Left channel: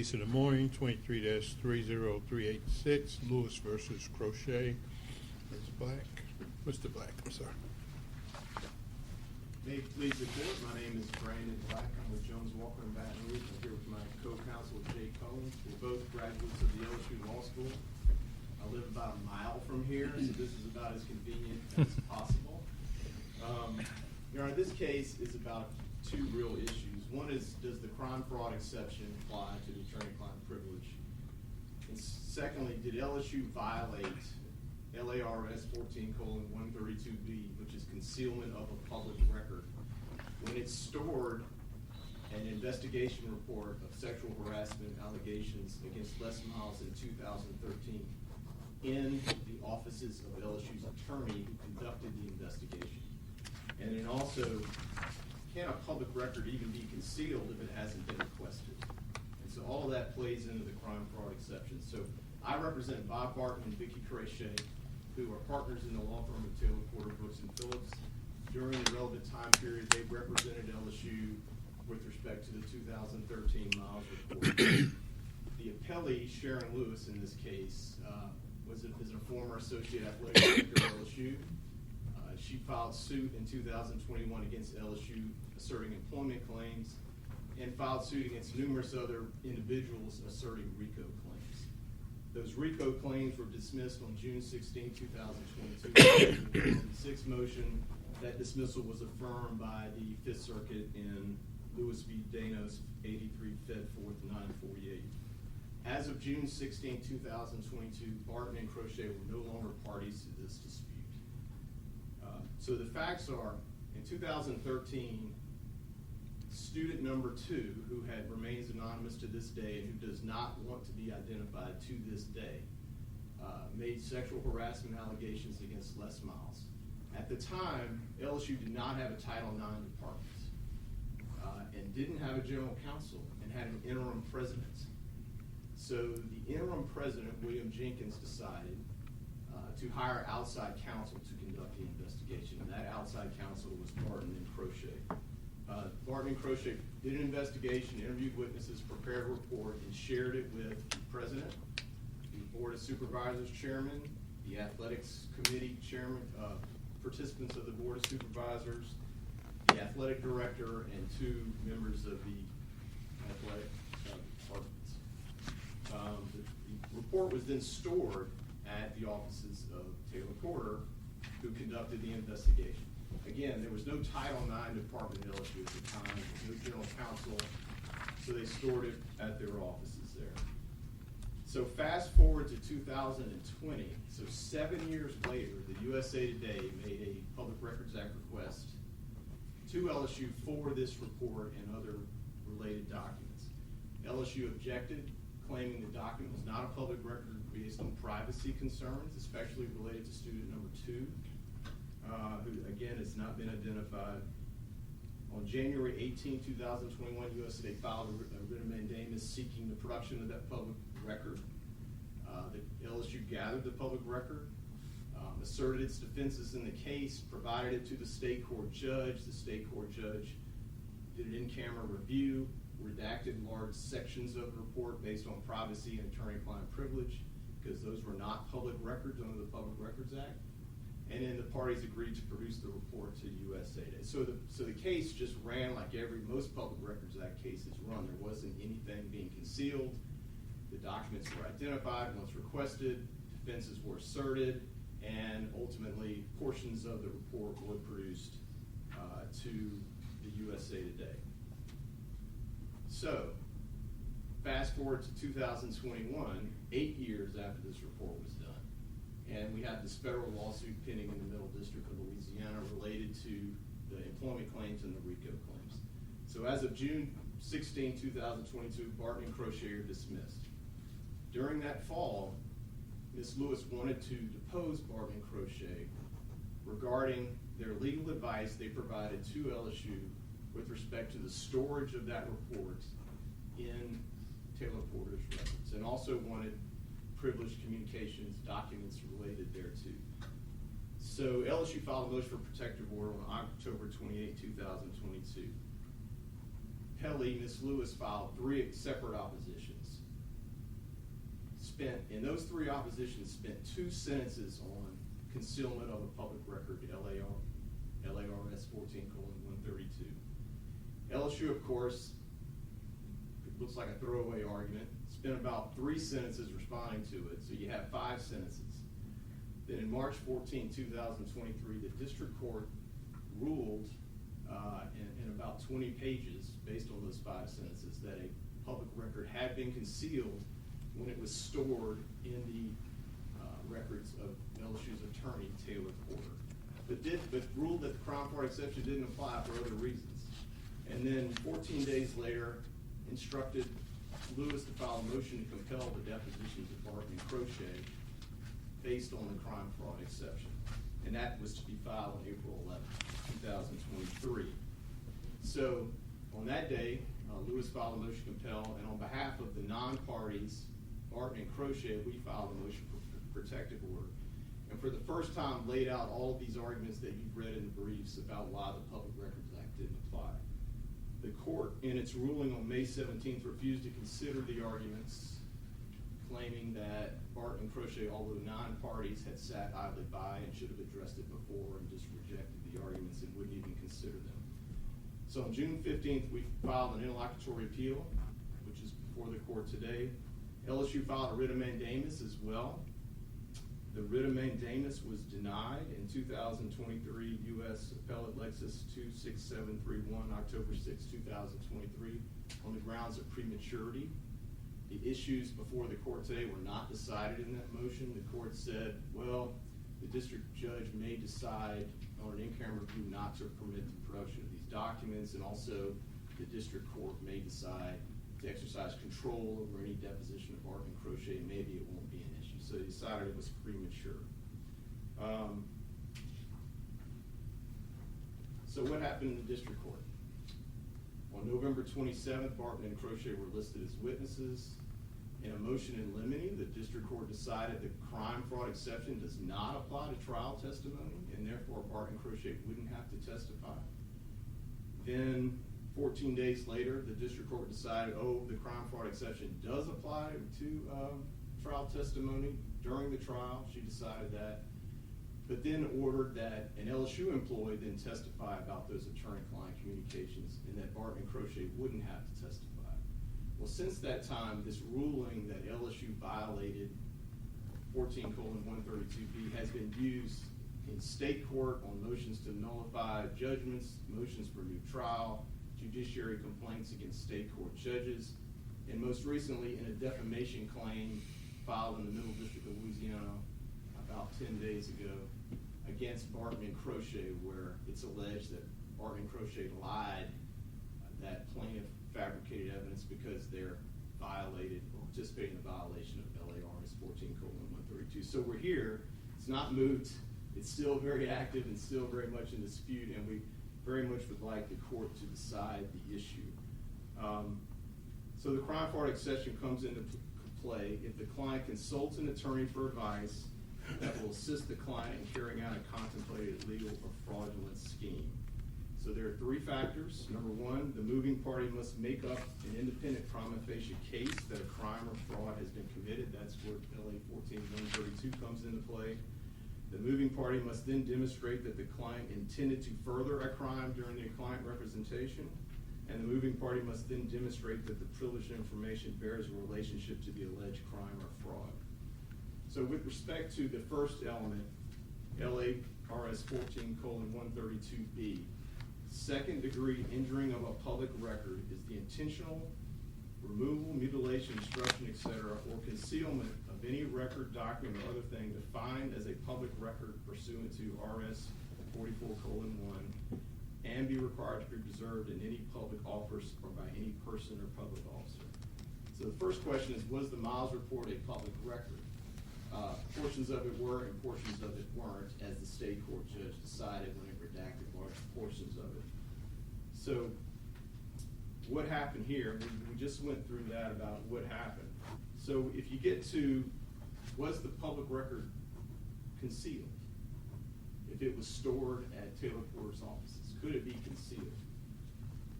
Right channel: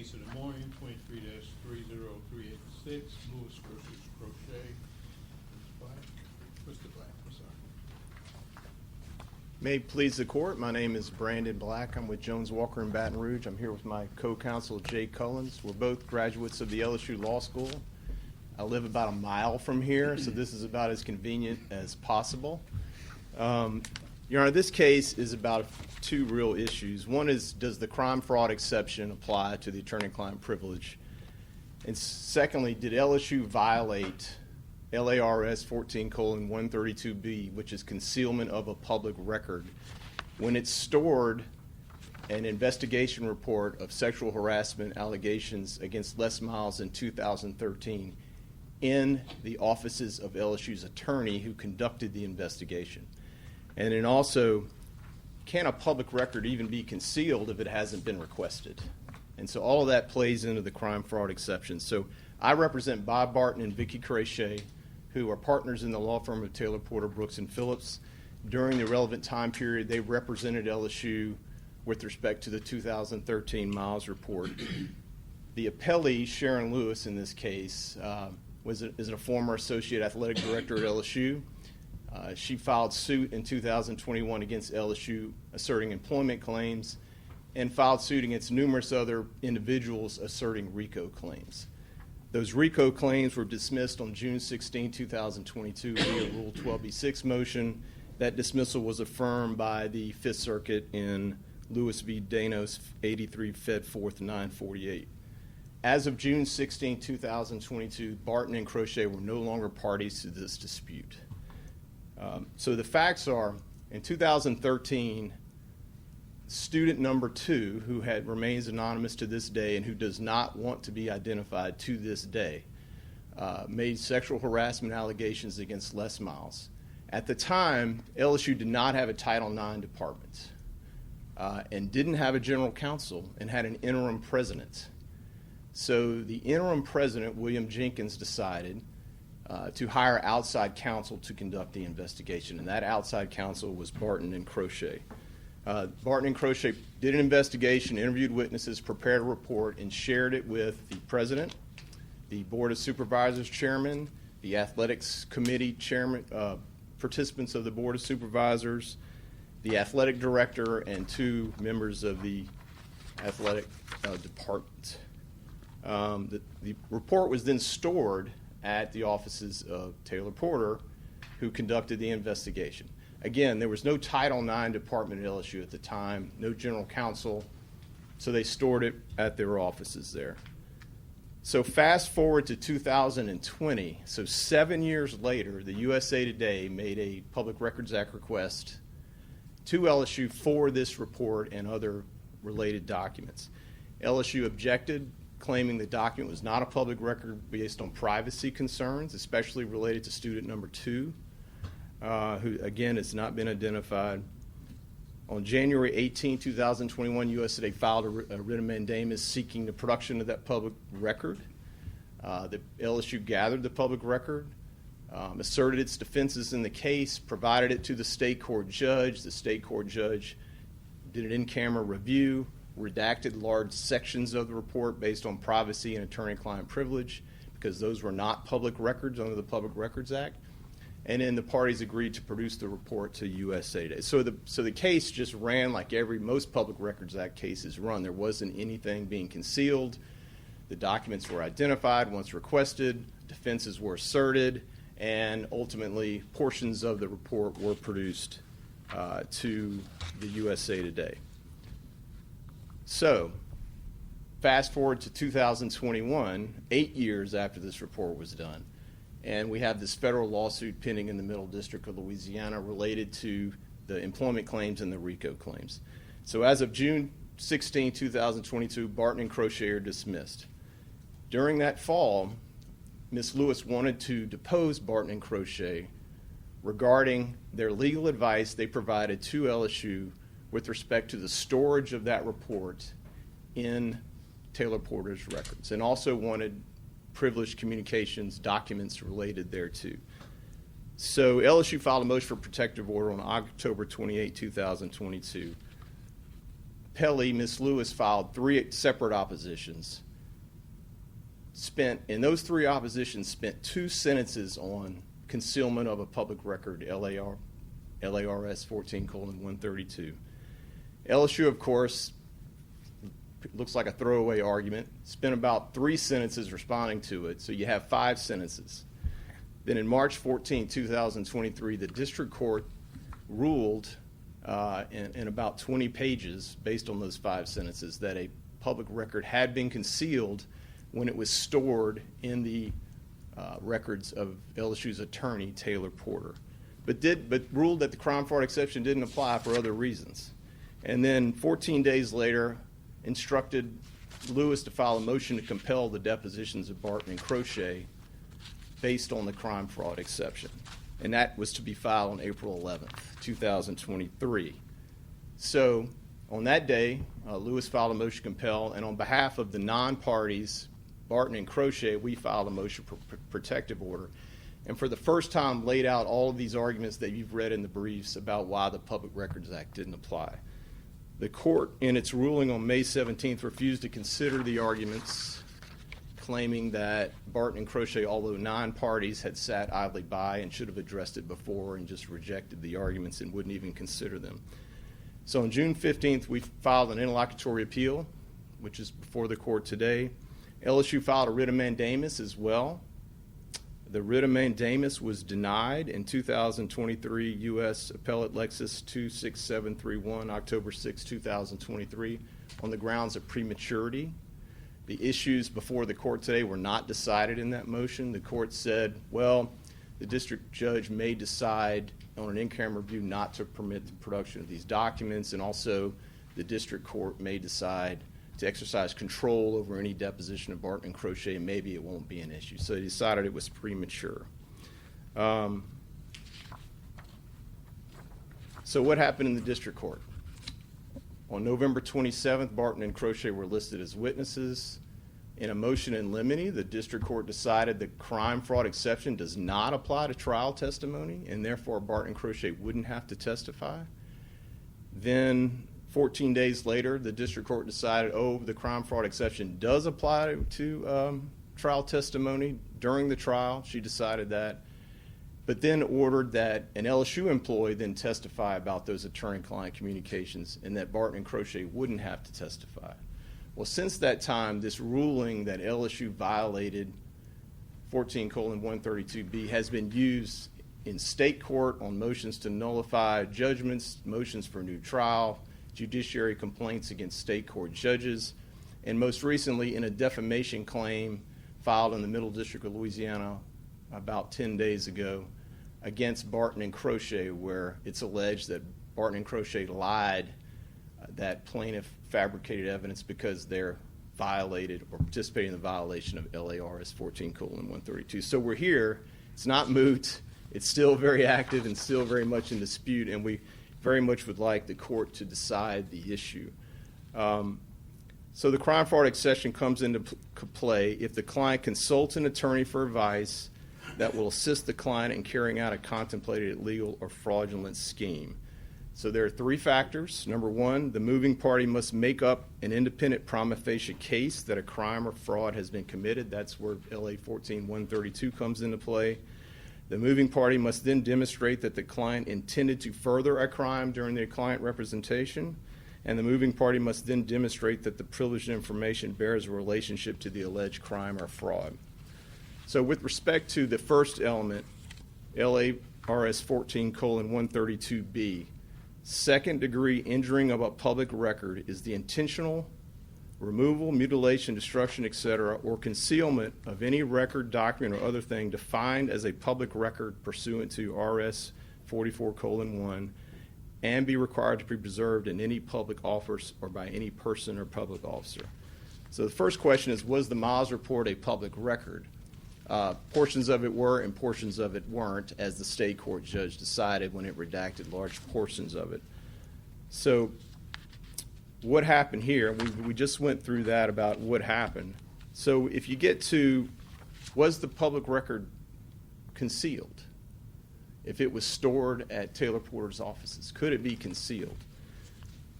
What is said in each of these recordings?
Case of the morning, 23-30386, Lewis versus Crochet. Mr. Black, I'm sorry. May it please the court, my name is Brandon Black. I'm with Jones Walker in Baton Rouge. I'm here with my co-counsel, Jay Cullins. We're both graduates of the LSU Law School. I live about a mile from here, so this is about as convenient as possible. Your Honor, this case is about two real issues. One is, does the crime fraud exception apply to the attorney-client privilege? And secondly, did LSU violate LARS 14:132B, which is concealment of a public record, when it stored an investigation report of sexual harassment allegations against Les Miles in 2013 in the offices of LSU's attorney who conducted the investigation? And then also, can a public record even be concealed if it hasn't been requested? And so all of that plays into the crime fraud exception. So I represent Bob Barton and Vicki Crochet, who are partners in the law firm of Taylor, Porter, Brooks, and Phillips. During the relevant time period, they represented LSU with respect to the 2013 Miles report. The appellee, Sharon Lewis, in this case, is a former associate athletic director of LSU. She filed suit in 2021 against LSU asserting employment claims and filed suit against numerous other individuals asserting RICO claims. Those RICO claims were dismissed on June 16, 2022 with a Rule 12b6 motion. That dismissal was affirmed by the Fifth Circuit in Lewis v. Danos, 83 Fed 4th 948. As of June 16, 2022, Barton and Crochet were no longer parties to this dispute. So the facts are, in 2013, student number 2, who remains anonymous to this day and who does not want to be identified to this day, made sexual harassment allegations against Les Miles. At the time, LSU did not have a Title IX department and didn't have a general counsel and had an interim president. So the interim president, William Jenkins, decided to hire outside counsel to conduct the investigation, and that outside counsel was Barton and Crochet. Barton and Crochet did an investigation, interviewed witnesses, prepared a report, and shared it with the president, the Board of Supervisors chairman, the athletics committee chairman, participants of the Board of Supervisors, the athletic director, and 2 members of the athletic department. The report was then stored at the offices of Taylor Porter, who conducted the investigation. Again, there was no Title IX department at LSU at the time, no general counsel, so they stored it at their offices there. So fast forward to 2020, so 7 years later, the USA Today made a Public Records Act request to LSU for this report and other related documents. LSU objected, claiming the document was not a public record based on privacy concerns, especially related to student number 2. Who, again, has not been identified. On January 18, 2021, US Today filed a writ of mandamus seeking the production of that public record. The LSU gathered the public record, asserted its defenses in the case, provided it to the state court judge. The state court judge did an in-camera review, redacted large sections of the report based on privacy and attorney-client privilege, because those were not public records under the Public Records Act. And then the parties agreed to produce the report to USA Today. So the case just ran like most Public Records Act cases run. There wasn't anything being concealed. The documents were identified once requested, defenses were asserted, and ultimately portions of the report were produced to the USA Today. So fast forward to 2021, 8 years after this report was done, and we have this federal lawsuit pending in the Middle District of Louisiana related to the employment claims and the RICO claims. So as of June 16, 2022, Barton and Crochet are dismissed. During that fall, Ms. Lewis wanted to depose Barton and Crochet regarding their legal advice they provided to LSU with respect to the storage of that report in Taylor Porter's records, and also wanted privileged communications documents related thereto. So LSU filed a motion for protective order on October 28, 2022. appellee, Ms. Lewis, filed 3 separate oppositions. In those 3 oppositions, spent 2 sentences on concealment of a public record, LARS 14:132. LSU, of course, looks like a throwaway argument, spent about 3 sentences responding to it, so you have 5 sentences. Then in March 14, 2023, the district court ruled in about 20 pages, based on those 5 sentences, that a public record had been concealed when it was stored in the records of LSU's attorney, Taylor Porter, but ruled that the crime fraud exception didn't apply for other reasons. And then 14 days later, instructed Lewis to file a motion to compel the depositions of Barton and Crochet based on the crime fraud exception. And that was to be filed on April 11th, 2023. So on that day, Lewis filed a motion to compel, and on behalf of the non-parties, Barton and Crochet, we filed a motion for protective order. And for the first time laid out all of these arguments that you've read in the briefs about why the Public Records Act didn't apply. The court, in its ruling on May 17th, refused to consider the arguments, claiming that Barton and Crochet, although non-parties, had sat idly by and should have addressed it before and just rejected the arguments and wouldn't even consider them. So on June 15th, we filed an interlocutory appeal, which is before the court today. LSU filed a writ of mandamus as well. The writ of mandamus was denied in 2023 U.S. Appellate Lexus 26731, October 6, 2023, on the grounds of prematurity. The issues before the court today were not decided in that motion. The court said, well, the district judge may decide on an in-camera review not to permit the production of these documents, and also the district court may decide to exercise control over any deposition of Barton and Crochet. Maybe it won't be an issue. So they decided it was premature. So what happened in the district court? On November 27th, Barton and Crochet were listed as witnesses. In a motion in limine, the district court decided the crime fraud exception does not apply to trial testimony, and therefore Barton and Crochet wouldn't have to testify. Then 14 days later, the district court decided, the crime fraud exception does apply to trial testimony during the trial. She decided that, but then ordered that an LSU employee then testify about those attorney-client communications, and that Barton and Crochet wouldn't have to testify. Well, since that time, this ruling that LSU violated 14:132B has been used in state court on motions to nullify judgments, motions for new trial, judiciary complaints against state court judges, and most recently in a defamation claim filed in the Middle District of Louisiana about 10 days ago against Barton and Crochet, where it's alleged that Barton and Crochet lied, that plaintiff fabricated evidence because they're violated or participating in the violation of LARS 14:132. So we're here. It's not moot. It's still very active and still very much in dispute, and we very much would like the court to decide the issue. So the crime fraud exception comes into play if the client consults an attorney for advice that will assist the client in carrying out a contemplated illegal or fraudulent scheme. So there are 3 factors. Number 1, the moving party must make up an independent prima facie case that a crime or fraud has been committed. That's where LA 14:132 comes into play. The moving party must then demonstrate that the client intended to further a crime during the client representation, and the moving party must then demonstrate that the privileged information bears a relationship to the alleged crime or fraud. So with respect to the first element, LARS 14:132B, second-degree injuring of a public record is the intentional removal, mutilation, destruction, etc., or concealment of any record, document, or other thing defined as a public record pursuant to RS 44:1 and be required to be preserved in any public office or by any person or public officer. So the first question is, was the Miles report a public record? Portions of it were and portions of it weren't, as the state court judge decided when it redacted large portions of it. So what happened here, we just went through that about what happened. So if you get to, was the public record concealed? If it was stored at Taylor Porter's offices, could it be concealed?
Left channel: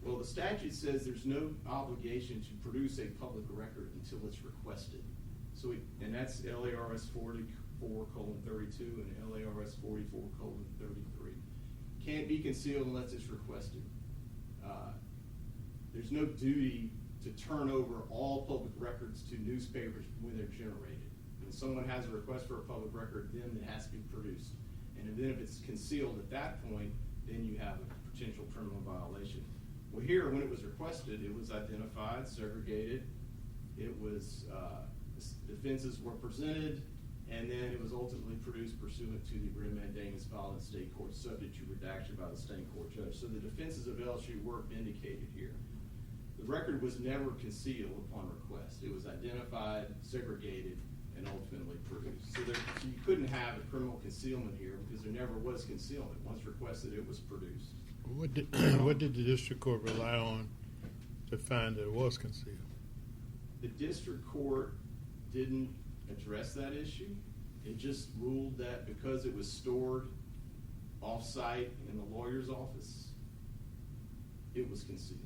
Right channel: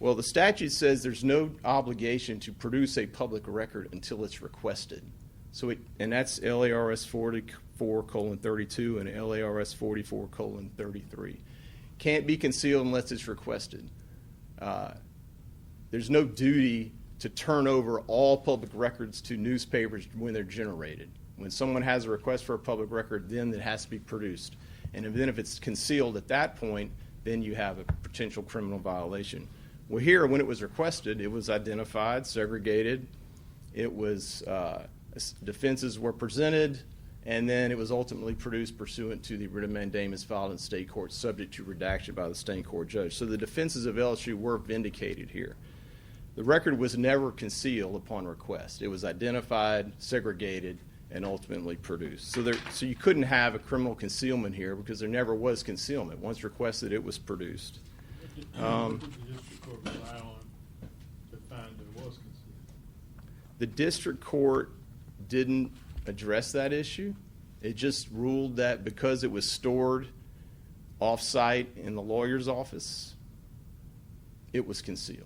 Well, the statute says there's no obligation to produce a public record until it's requested. And that's LARS 44:32 and LARS 44:33. Can't be concealed unless it's requested. There's no duty to turn over all public records to newspapers when they're generated. When someone has a request for a public record, then it has to be produced. And then if it's concealed at that point, then you have a potential criminal violation. Well, here, when it was requested, it was identified, segregated, it was, defenses were presented, and then it was ultimately produced pursuant to the writ of mandamus filed in state court, subject to redaction by the state court judge. So the defenses of LSU were vindicated here. The record was never concealed upon request. It was identified, segregated, and ultimately produced. So you couldn't have a criminal concealment here because there never was concealment. Once requested, it was produced. What did the district court rely on to find that it was concealed? The district court didn't address that issue. It just ruled that because it was stored off-site in the lawyer's office, it was concealed.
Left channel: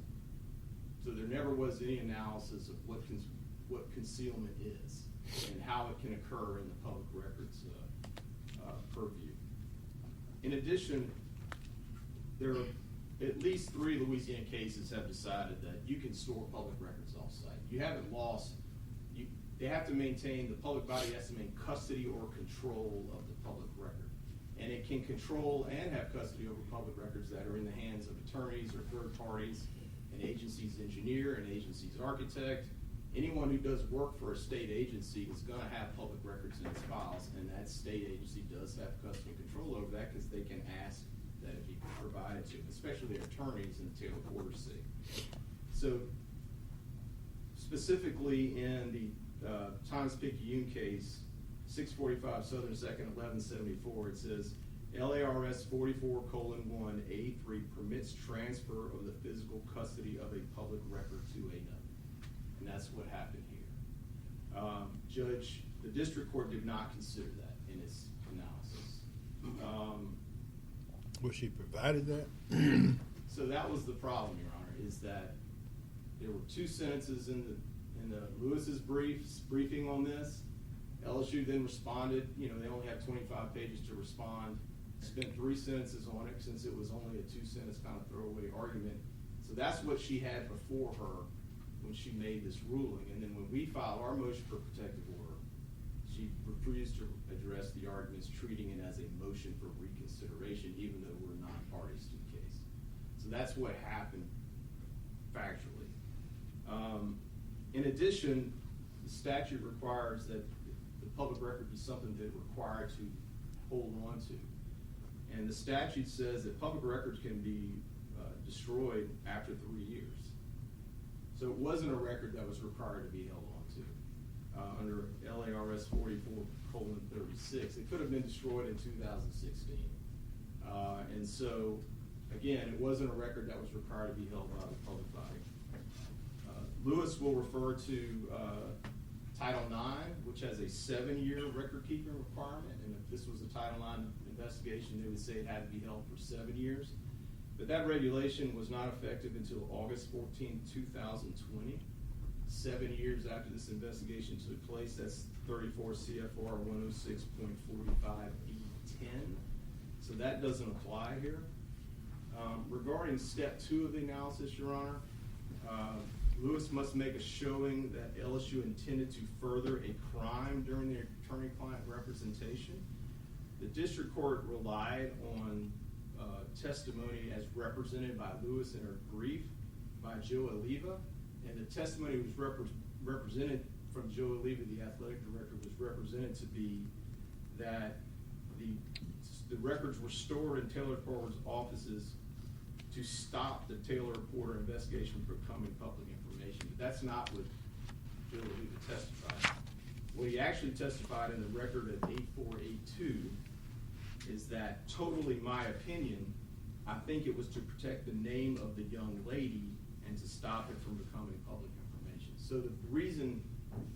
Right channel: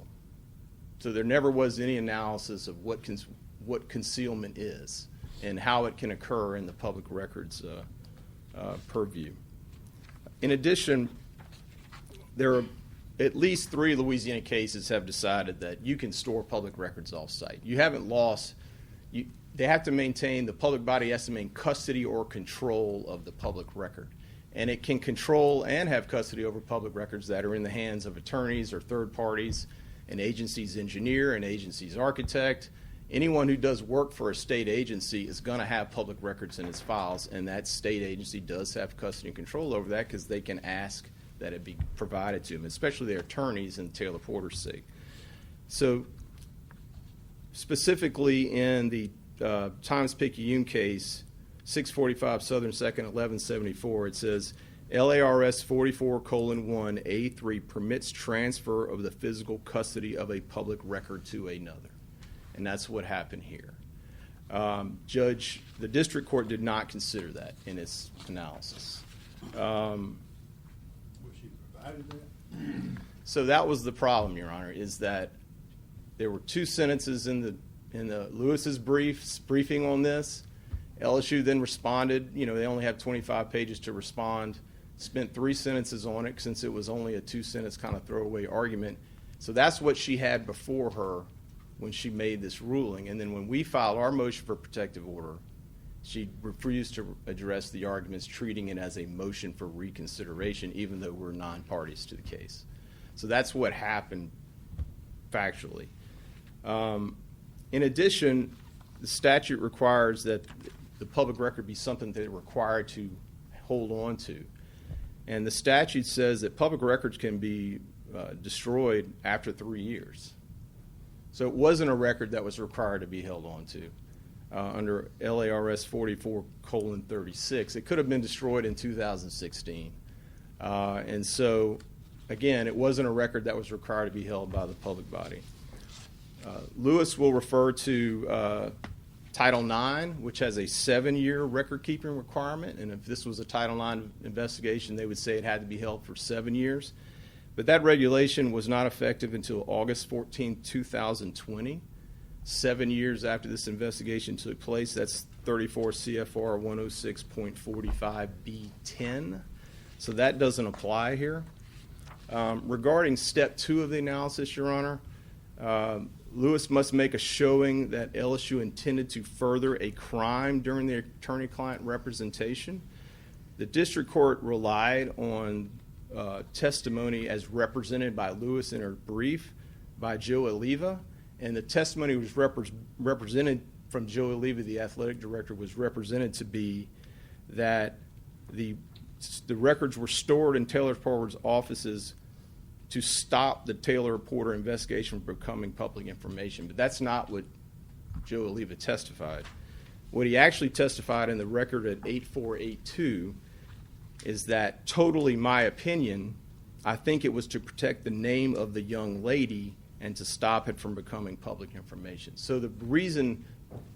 So there never was any analysis of what concealment is and how it can occur in the public records purview. In addition, there are at least 3 Louisiana cases have decided that you can store public records off-site. You haven't lost, they have to maintain, the public body has to maintain custody or control of the public record. And it can control and have custody over public records that are in the hands of attorneys or third parties, an agency's engineer, an agency's architect. Anyone who does work for a state agency is going to have public records in its files, and that state agency does have custody and control over that because they can ask that it be provided to them, especially their attorneys in Taylor Porter's sake. So specifically in the Times-Picayune case, 645 Southern 2nd, 1174, it says, LARS 44:1A3 permits transfer of the physical custody of a public record to another. And that's what happened here. The district court did not consider that in its analysis. Was she provided that? So that was the problem, Your Honor, is that there were 2 sentences in the Lewis's briefing on this. LSU then responded. They only have 25 pages to respond. Spent 3 sentences on it since it was only a 2-sentence kind of throwaway argument. So that's what she had before her when she made this ruling. And then when we filed our motion for protective order, she refused to address the arguments, treating it as a motion for reconsideration, even though we're non-parties to the case. So that's what happened factually. In addition, the statute requires that the public record be something they're required to hold on to. And the statute says that public records can be destroyed after 3 years. So it wasn't a record that was required to be held on to. Under LARS 44:36. It could have been destroyed in 2016. And so, again, it wasn't a record that was required to be held by the public body. Lewis will refer to Title IX, which has a 7-year record-keeping requirement. And if this was a Title IX investigation, they would say it had to be held for 7 years. But that regulation was not effective until August 14, 2020. 7 years after this investigation took place. That's 34 CFR 106.45B10. So that doesn't apply here. Regarding step 2 of the analysis, Your Honor, Lewis must make a showing that LSU intended to further a crime during the attorney-client representation. The district court relied on testimony as represented by Lewis in her brief by Joe Oliva. And the testimony was represented from Joe Oliva, the athletic director, was represented to be that the records were stored in Taylor Porter's offices to stop the Taylor Porter investigation from becoming public information. But that's not what Joe Oliva testified. What he actually testified in the record at 8482 is that, totally my opinion, I think it was to protect the name of the young lady and to stop it from becoming public information. So the reason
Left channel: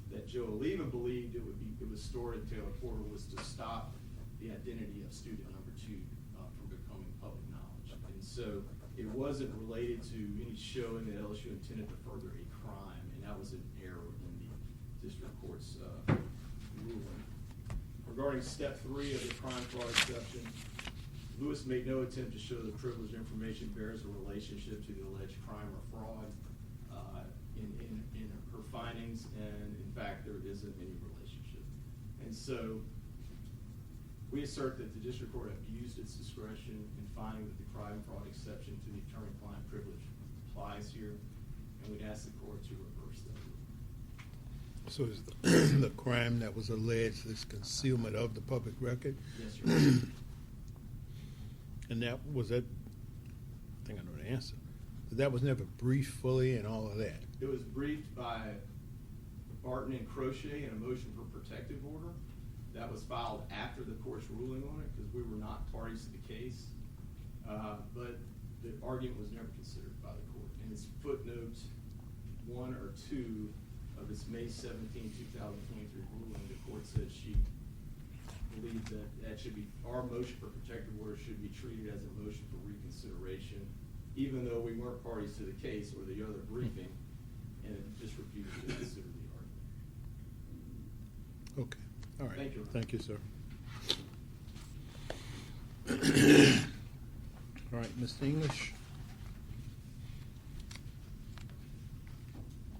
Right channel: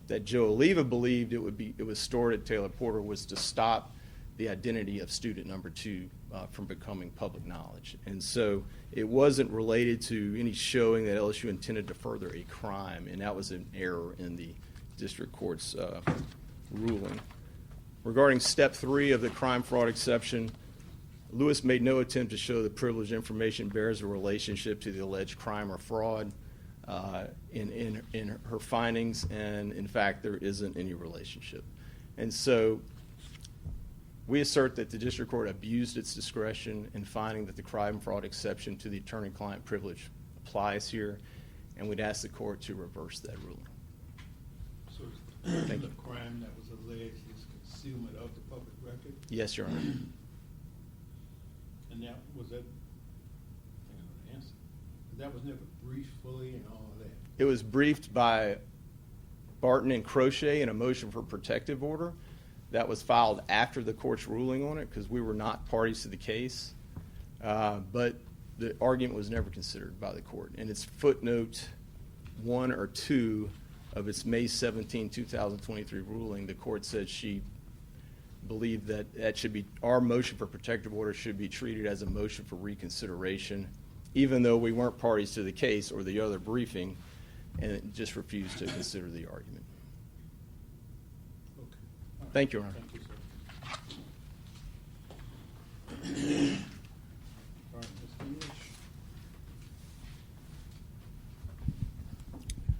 that Joe Oliva believed it was stored at Taylor Porter was to stop the identity of student number 2 from becoming public knowledge. And so it wasn't related to any showing that LSU intended to further a crime, and that was an error in the district court's ruling. Regarding step 3 of the crime fraud exception, Lewis made no attempt to show that privileged information bears a relationship to the alleged crime or fraud in her findings, and in fact there isn't any relationship. And so we assert that the district court abused its discretion in finding that the crime fraud exception to the attorney-client privilege applies here, and we'd ask the court to reverse that ruling. So is the crime that was alleged is concealment of the public record? Yes, Your Honor. And that was that, I think I know the answer, but that was never briefed fully and all of that? It was briefed by Barton and Crochet in a motion for protective order. That was filed after the court's ruling on it because we were not parties to the case. But the argument was never considered by the court. In its footnote 1 or 2 of its May 17, 2023 ruling, the court said she believed that should be, our motion for protective order should be treated as a motion for reconsideration, even though we weren't parties to the case or the other briefing, and it just refused to consider the argument. Okay. All right. Thank you, Your Honor. Thank you, sir. All right, Mr. English.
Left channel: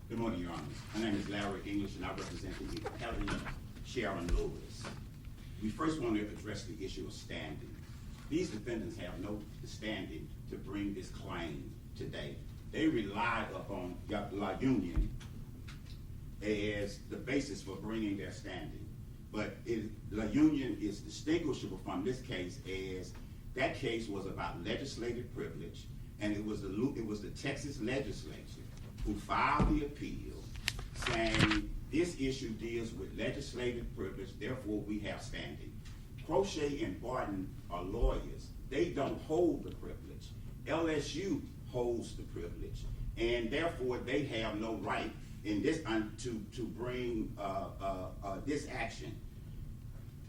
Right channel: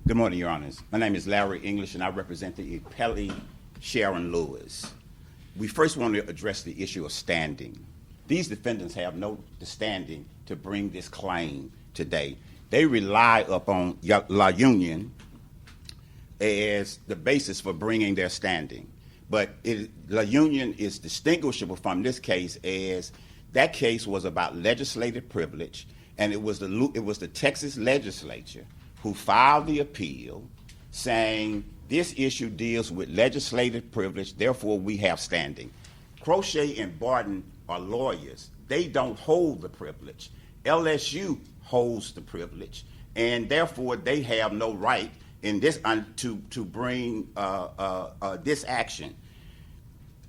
Good morning, Your Honors. My name is Larry English, and I represent the appellee Sharon Lewis. We first want to address the issue of standing. These defendants have no standing to bring this claim today. They rely upon La Union as the basis for bringing their standing. But La Union is distinguishable from this case as that case was about legislative privilege, and it was the Texas legislature who filed the appeal saying this issue deals with legislative privilege, therefore we have standing. Crochet and Barton are lawyers. They don't hold the privilege. LSU holds the privilege, and therefore they have no right in this to bring this action.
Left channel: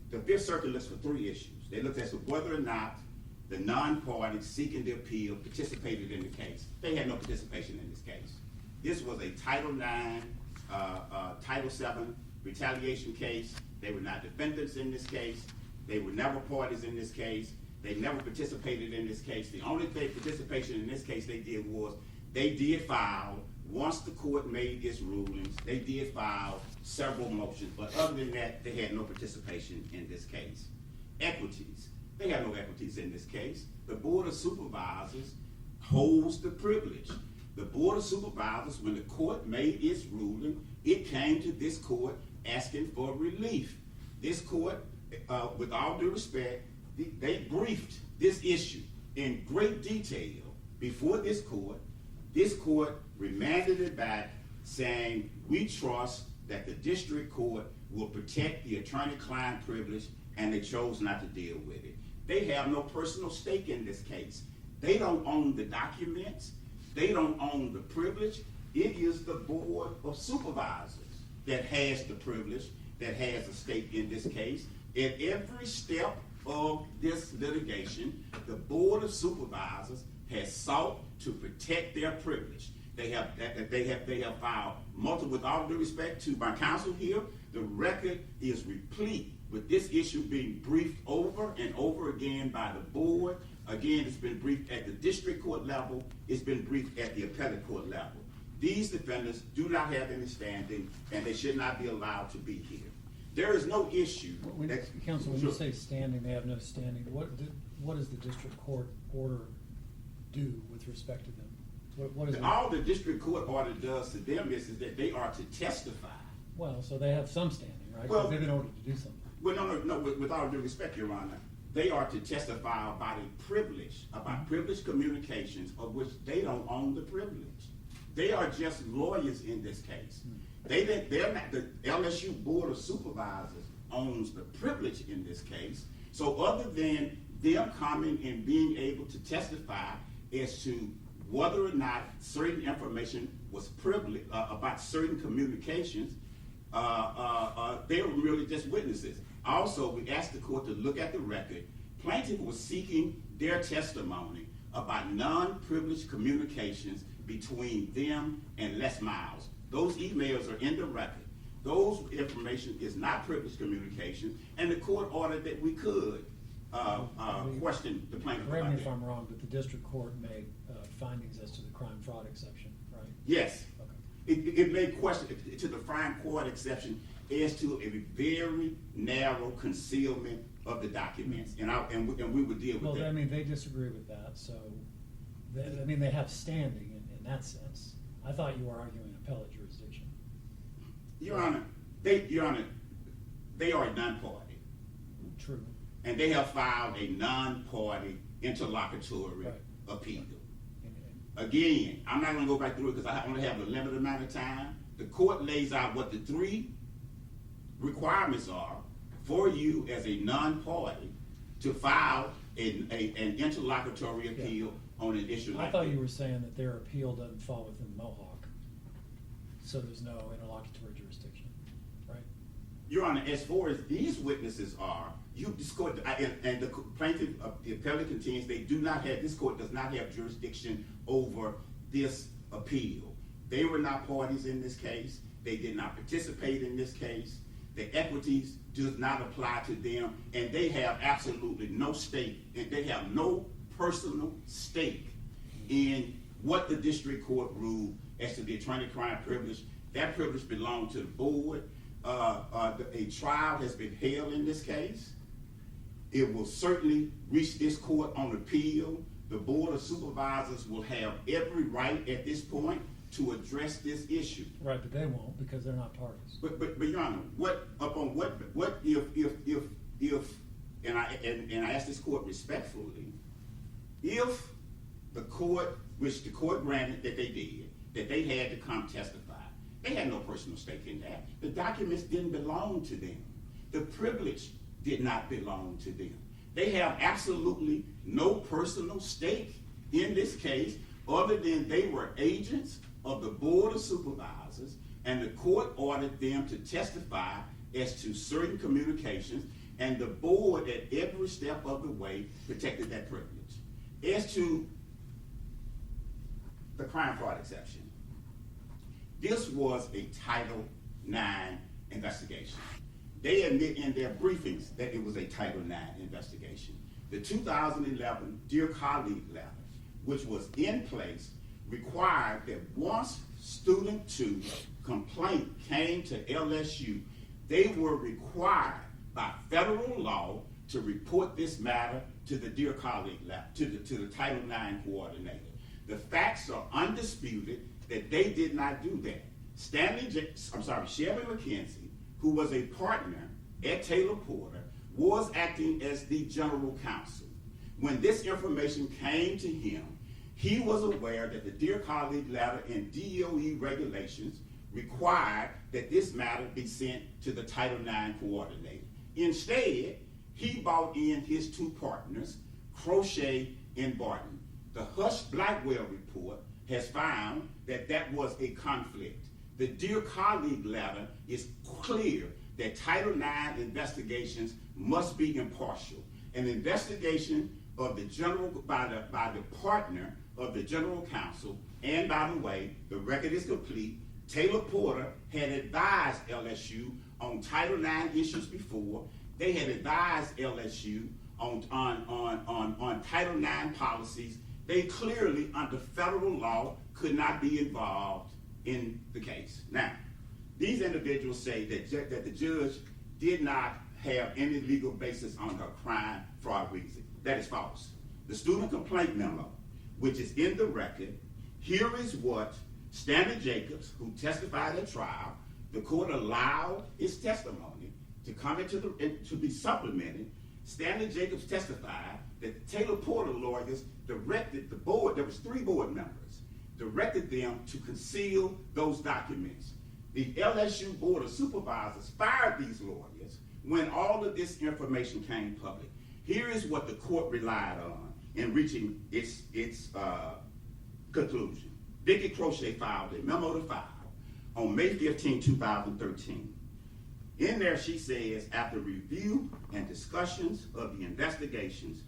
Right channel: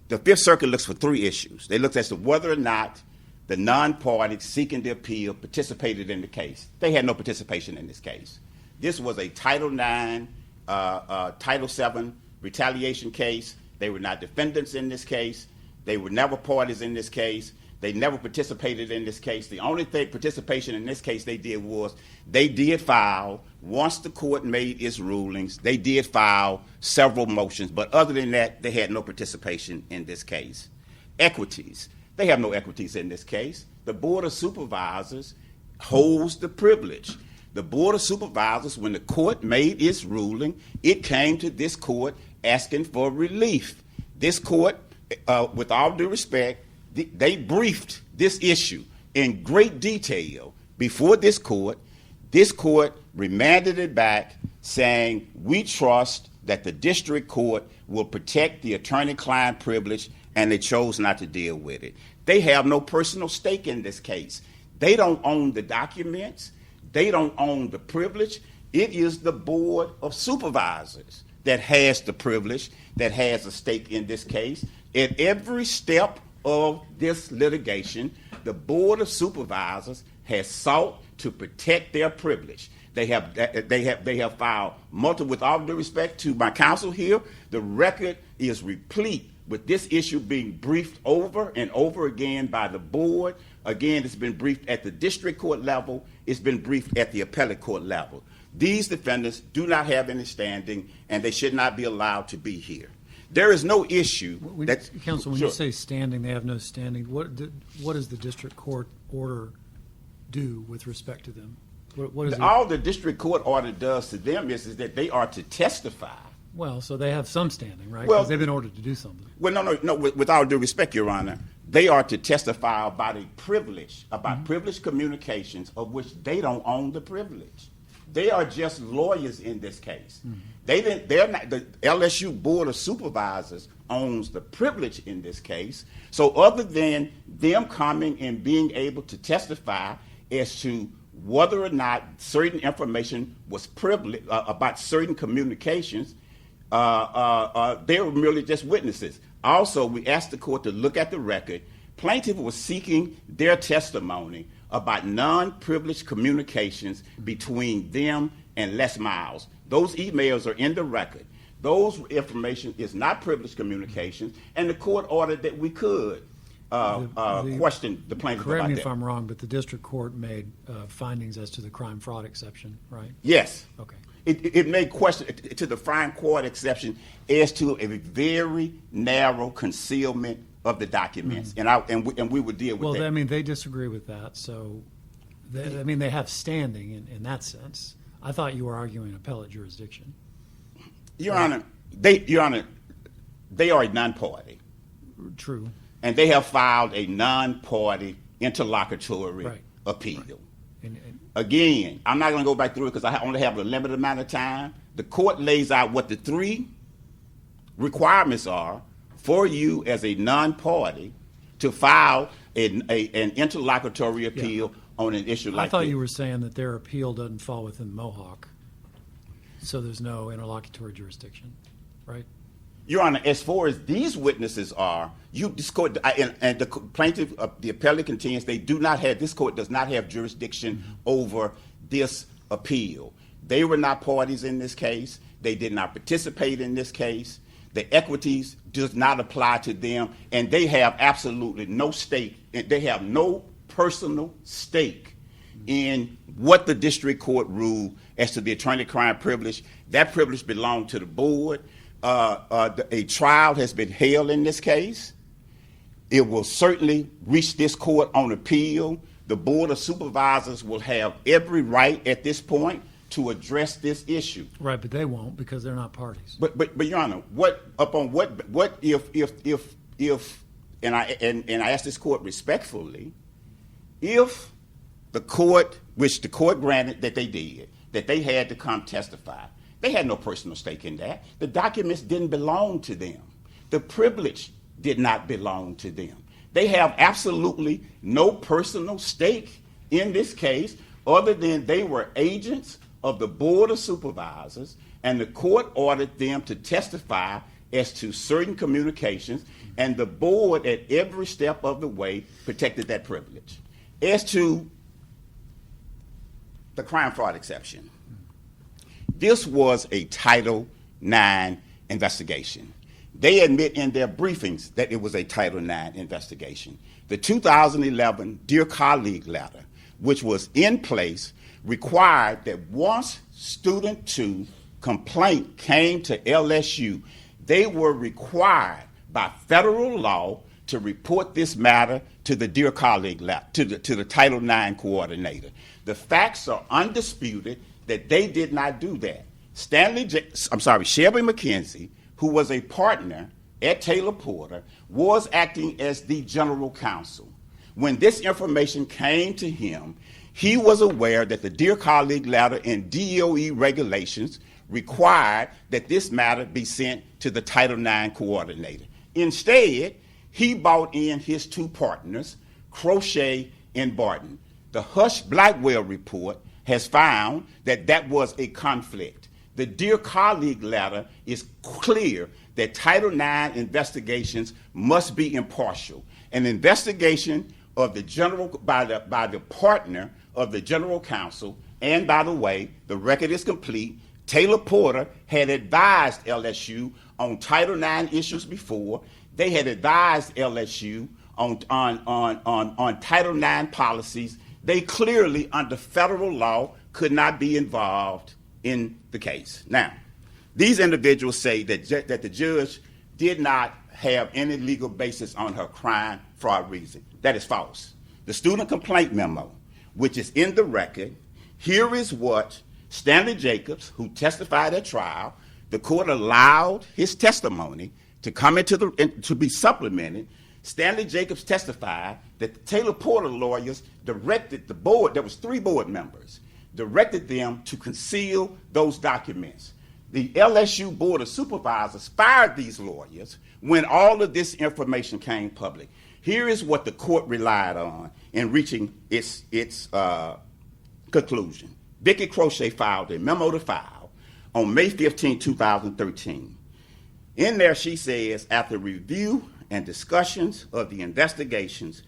The Fifth Circuit looks for 3 issues. They looked as to whether or not the non-parties seeking the appeal participated in the case. They had no participation in this case. This was a Title IX, Title VII retaliation case. They were not defendants in this case. They were never parties in this case. They never participated in this case. The only participation in this case they did was they did file, once the court made its rulings, they did file several motions, but other than that, they had no participation in this case. Equities. They have no equities in this case. The Board of Supervisors holds the privilege. The Board of Supervisors, when the court made its ruling, it came to this court asking for relief. This court, with all due respect, they briefed this issue in great detail before this court. This court remanded it back saying, we trust that the district court will protect the attorney-client privilege, and they chose not to deal with it. They have no personal stake in this case. They don't own the documents. They don't own the privilege. It is the Board of Supervisors that has the privilege, that has a stake in this case. At every step of this litigation, the Board of Supervisors has sought to protect their privilege. They have filed multiple, with all due respect to my counsel here, the record is replete with this issue being briefed over and over again by the board. Again, it's been briefed at the district court level. It's been briefed at the appellate court level. These defendants do not have any standing, and they should not be allowed to be here. There is no issue. Counsel, when Sure. you say standing, they have no standing, what does the district court order do with respect to them? What is it? All the district court order does to them is that they are to testify. Well, so they have some standing, right? Well- Because they've been ordered to do something. Well, no. With all due respect, Your Honor, they are to testify about a privilege, about privileged communications of which they don't own the privilege. They are just lawyers in this case. They're not. The LSU Board of Supervisors owns the privilege in this case. So other than them coming and being able to testify as to whether or not certain information was privileged about certain communications, they were merely just witnesses. Also, we asked the court to look at the record Plaintiff was seeking their testimony about non-privileged communications between them and Les Miles. Those emails are in the record. Those information is not privileged communications, and the court ordered that we could question the plaintiff Correct about me that. if I'm wrong, but the district court made findings as to the crime fraud exception, right? Yes. Okay. It made question to the fine court exception as to a very narrow concealment of the documents, and we would deal with Well, that. I mean, they disagree with that, so, they have standing in that sense. I thought you were arguing appellate jurisdiction. Your Honor, they are a non-party, True. and they have filed a non-party interlocutory Right. appeal. And Again, I'm not going to go back through it because I only have a limited amount of time. The court lays out what the 3 requirements are for you as a non-party to file an interlocutory appeal on an issue like I thought this. you were saying that their appeal doesn't fall within Mohawk, so there's no interlocutory jurisdiction, right? Your Honor, as far as these witnesses are, this court, and the plaintiff, the appellate contends this court does not have jurisdiction over this appeal. They were not parties in this case. They did not participate in this case. The equities does not apply to them, and they have absolutely no stake, and they have no personal stake in what the district court ruled as to the attorney-client privilege. That privilege belonged to the board. A trial has been held in this case. It will certainly reach this court on appeal. The Board of Supervisors will have every right at this point to address this issue. Right, but they won't because they're not parties. But Your Honor, what if and I ask this court respectfully, if the court, which the court granted that they did, that they had to come testify, they had no personal stake in that. The documents didn't belong to them. The privilege did not belong to them. They have absolutely no personal stake in this case other than they were agents of the Board of Supervisors, and the court ordered them to testify as to certain communications, and the board at every step of the way protected that privilege. As to the crime fraud exception, this was a Title IX investigation. They admit in their briefings that it was a Title IX investigation. The 2011 Dear Colleague letter, which was in place, required that once student 2 complaint came to LSU, they were required by federal law to report this matter to the Dear Colleague letter, to the Title IX coordinator. The facts are undisputed that they did not do that. Shelby McKenzie, who was a partner at Taylor Porter, was acting as the general counsel. When this information came to him, he was aware that the Dear Colleague letter and DOE regulations required that this matter be sent to the Title IX coordinator. Instead, he brought in his 2 partners, Crochet and Barton. The Hush Blackwell report has found that that was a conflict. The Dear Colleague letter is clear that Title IX investigations must be impartial. An investigation of the general by the partner of the general counsel, and by the way, the record is complete. Taylor Porter had advised LSU on Title IX issues before. They had advised LSU on Title IX policies. They clearly, under federal law, could not be involved in the case. Now, these individuals say that the judge did not have any legal basis on her crime fraud reason. That is false. The student complaint memo, which is in the record, here is what Stanley Jacobs, who testified at trial, the court allowed his testimony to come to be supplemented. Stanley Jacobs testified that the Taylor Porter lawyers directed the board, there was 3 board members, directed them to conceal those documents. The LSU Board of Supervisors fired these lawyers when all of this information came public. Here is what the court relied on in reaching its conclusion. Vicki Crochet filed a memo to file on May 15, 2013. In there she says, after review and discussions of the investigations,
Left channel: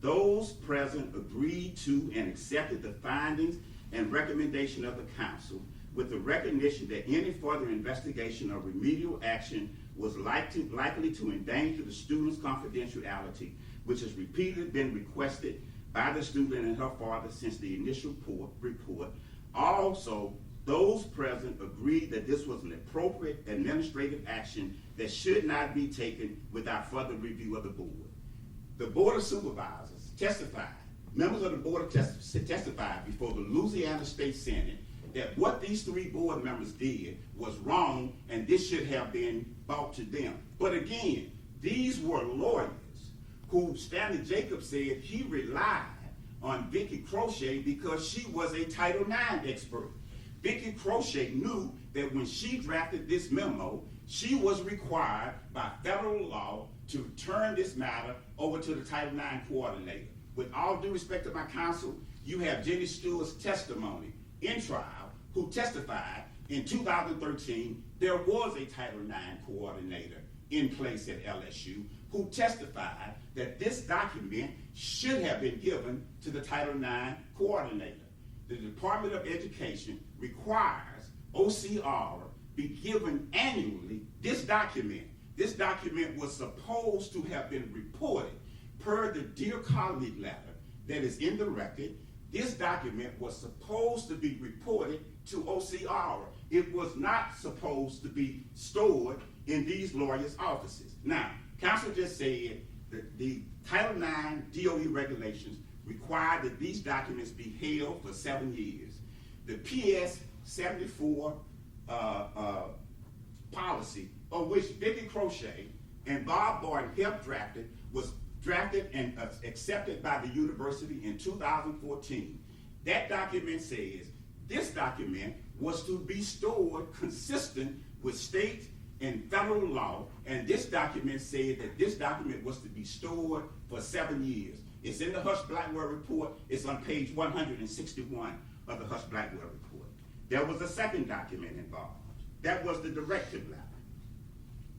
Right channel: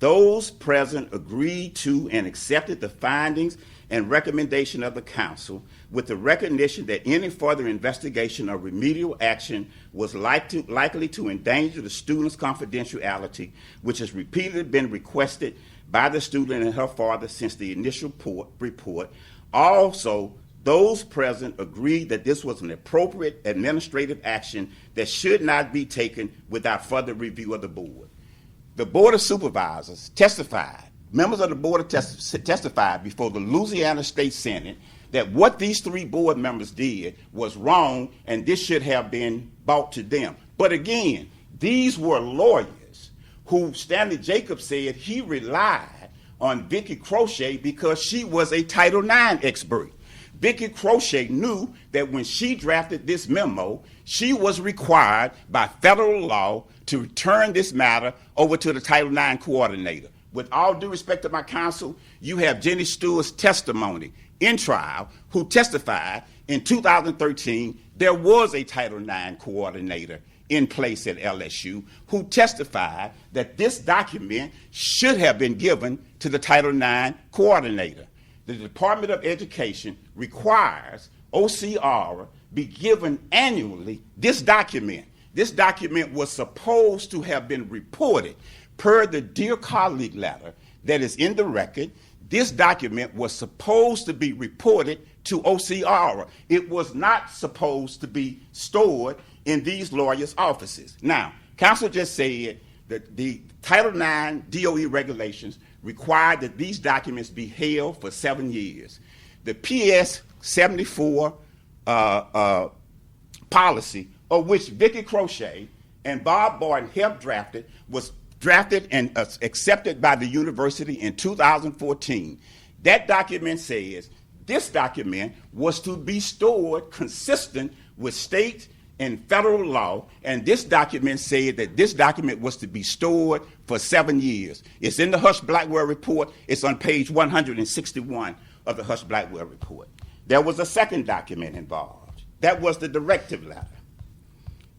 those present agreed to and accepted the findings and recommendation of the counsel with the recognition that any further investigation or remedial action was likely to endanger the student's confidentiality, which has repeatedly been requested by the student and her father since the initial report. Also, those present agreed that this was an appropriate administrative action that should not be taken without further review of the board. The Board of Supervisors testified, members of the board testified before the Louisiana State Senate that what these three board members did was wrong and this should have been brought to them. But again, these were lawyers who Stanley Jacobs said he relied on Vicki Crochet because she was a Title IX expert. Vicki Crochet knew that when she drafted this memo, she was required by federal law to turn this matter over to the Title IX coordinator. With all due respect to my counsel, you have Jenny Stewart's testimony in trial who testified in 2013 there was a Title IX coordinator in place at LSU who testified that this document should have been given to the Title IX coordinator. The Department of Education requires OCR be given annually this document. This document was supposed to have been reported per the Dear Colleague letter that is in the record. This document was supposed to be reported to OCR. It was not supposed to be stored in these lawyers' offices. Now, counsel just said that the Title IX DOE regulations required that these documents be held for 7 years. The PS 74 policy, of which Vicki Crochet and Bob Barton helped drafted, was drafted and accepted by the university in 2014. That document says this document was to be stored consistent with state and federal law, and this document said that this document was to be stored for 7 years. It's in the Husch-Blackwell report. It's on page 161 of the Husch-Blackwell report. There was a second document involved. That was the directive letter.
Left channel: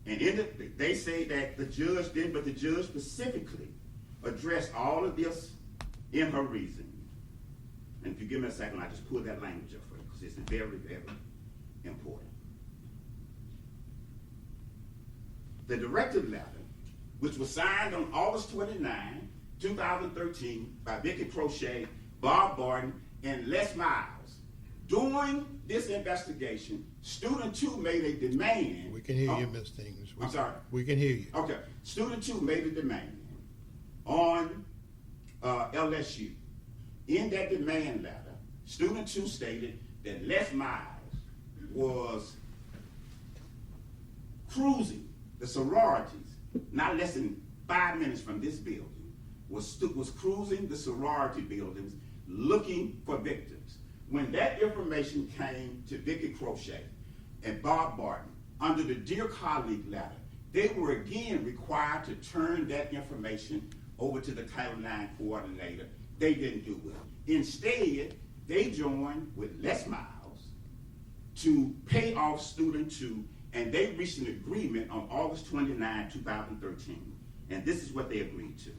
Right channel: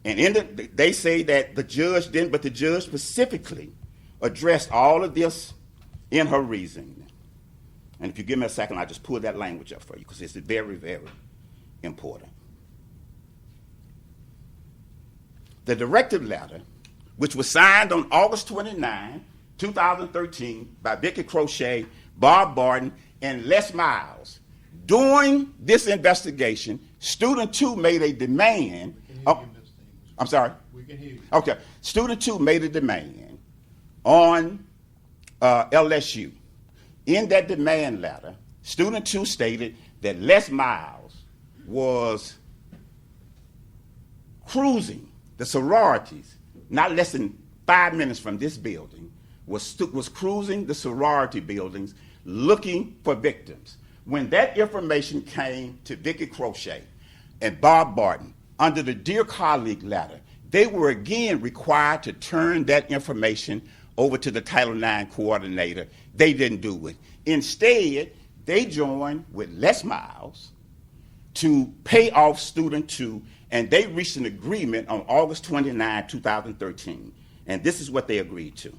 And they say that the judge didn't, but the judge specifically addressed all of this in her reasoning. And if you give me a second, I'll just pull that language up for you because it's very, very important. The directive letter, which was signed on August 29, 2013 by Vicki Crochet, Bob Barton, and Les Miles. During this investigation, Student 2 made a demand. We can hear you, Mr. English. I'm sorry? We can hear you. Okay. Student 2 made a demand on LSU. In that demand letter, Student 2 stated that Les Miles was cruising the sororities, not less than 5 minutes from this building, was cruising the sorority buildings looking for victims. When that information came to Vicki Crochet and Bob Barton under the Dear Colleague letter, they were again required to turn that information over to the Title IX coordinator. They didn't do it. Instead, they joined with Les Miles to pay off Student 2, and they reached an agreement on August 29, 2013. And this is what they agreed to.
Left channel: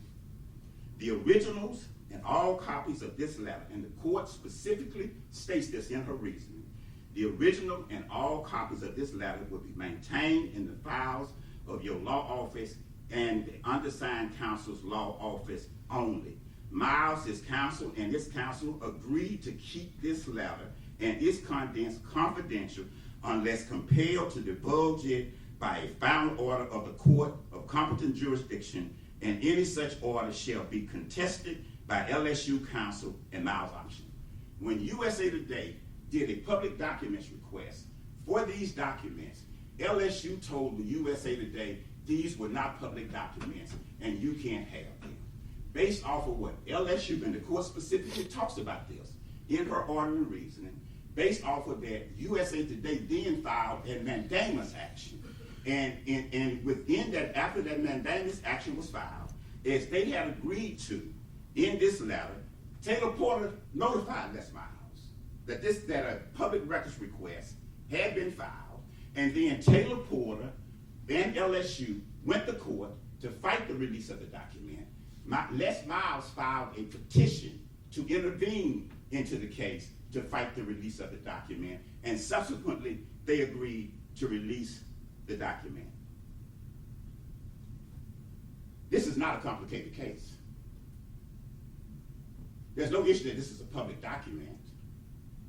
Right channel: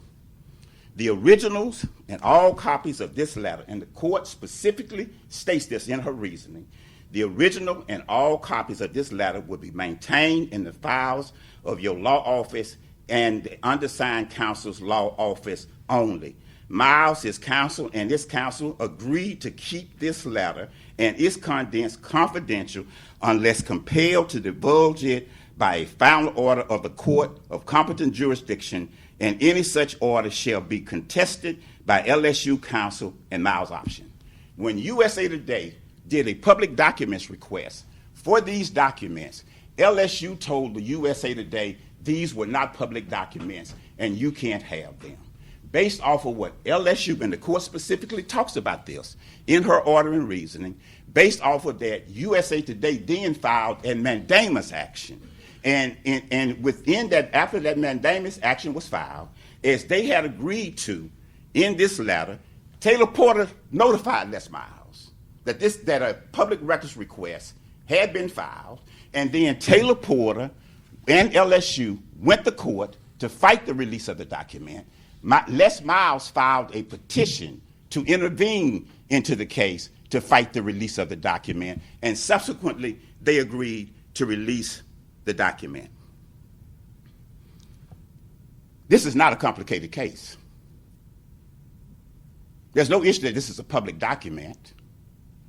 The originals and all copies of this letter, and the court specifically states this in her reasoning, the original and all copies of this letter will be maintained in the files of your law office and the undersigned counsel's law office only. Miles, his counsel, and this counsel agreed to keep this letter and its contents confidential unless compelled to divulge it by a final order of the court of competent jurisdiction, and any such order shall be contested by LSU counsel and Miles' option. When USA Today did a public documents request for these documents, LSU told the USA Today these were not public documents and you can't have them. Based off of what LSU, and the court specifically talks about this in her order and reasoning, based off of that, USA Today then filed a mandamus action. And within that, after that mandamus action was filed, as they had agreed to in this letter, Taylor Porter notified Les Miles that a public records request had been filed, and then Taylor Porter and LSU went to court to fight the release of the document. Les Miles filed a petition to intervene into the case to fight the release of the document, and subsequently they agreed to release the document. This is not a complicated case. There's no issue that this is a public document.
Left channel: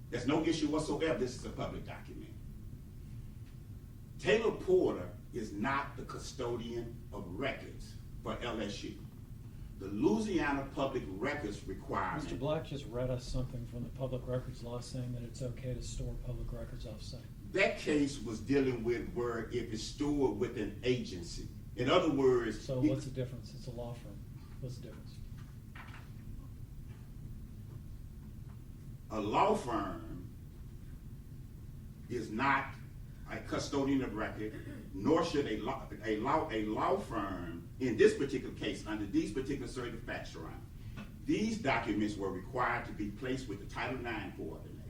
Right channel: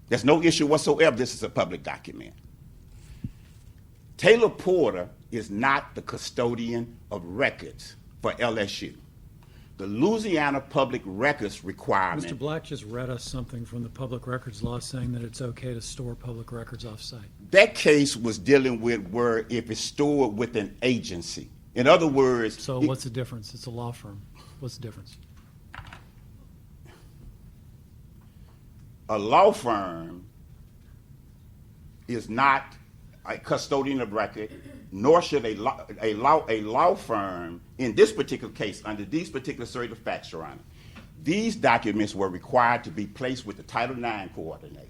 There's no issue whatsoever this is a public document. Taylor Porter is not the custodian of records for LSU. The Louisiana Public Records requirement. Mr. Black just read us something from the public records law saying that it's okay to store public records off-site. That case was dealing with where if it's stored with an agency. In other words. So what's the difference? It's a law firm. What's the difference? A law firm is not a custodian of record, nor should a law firm, in this particular case, under these particular set of facts, Your Honor, these documents were required to be placed with the Title IX coordinator.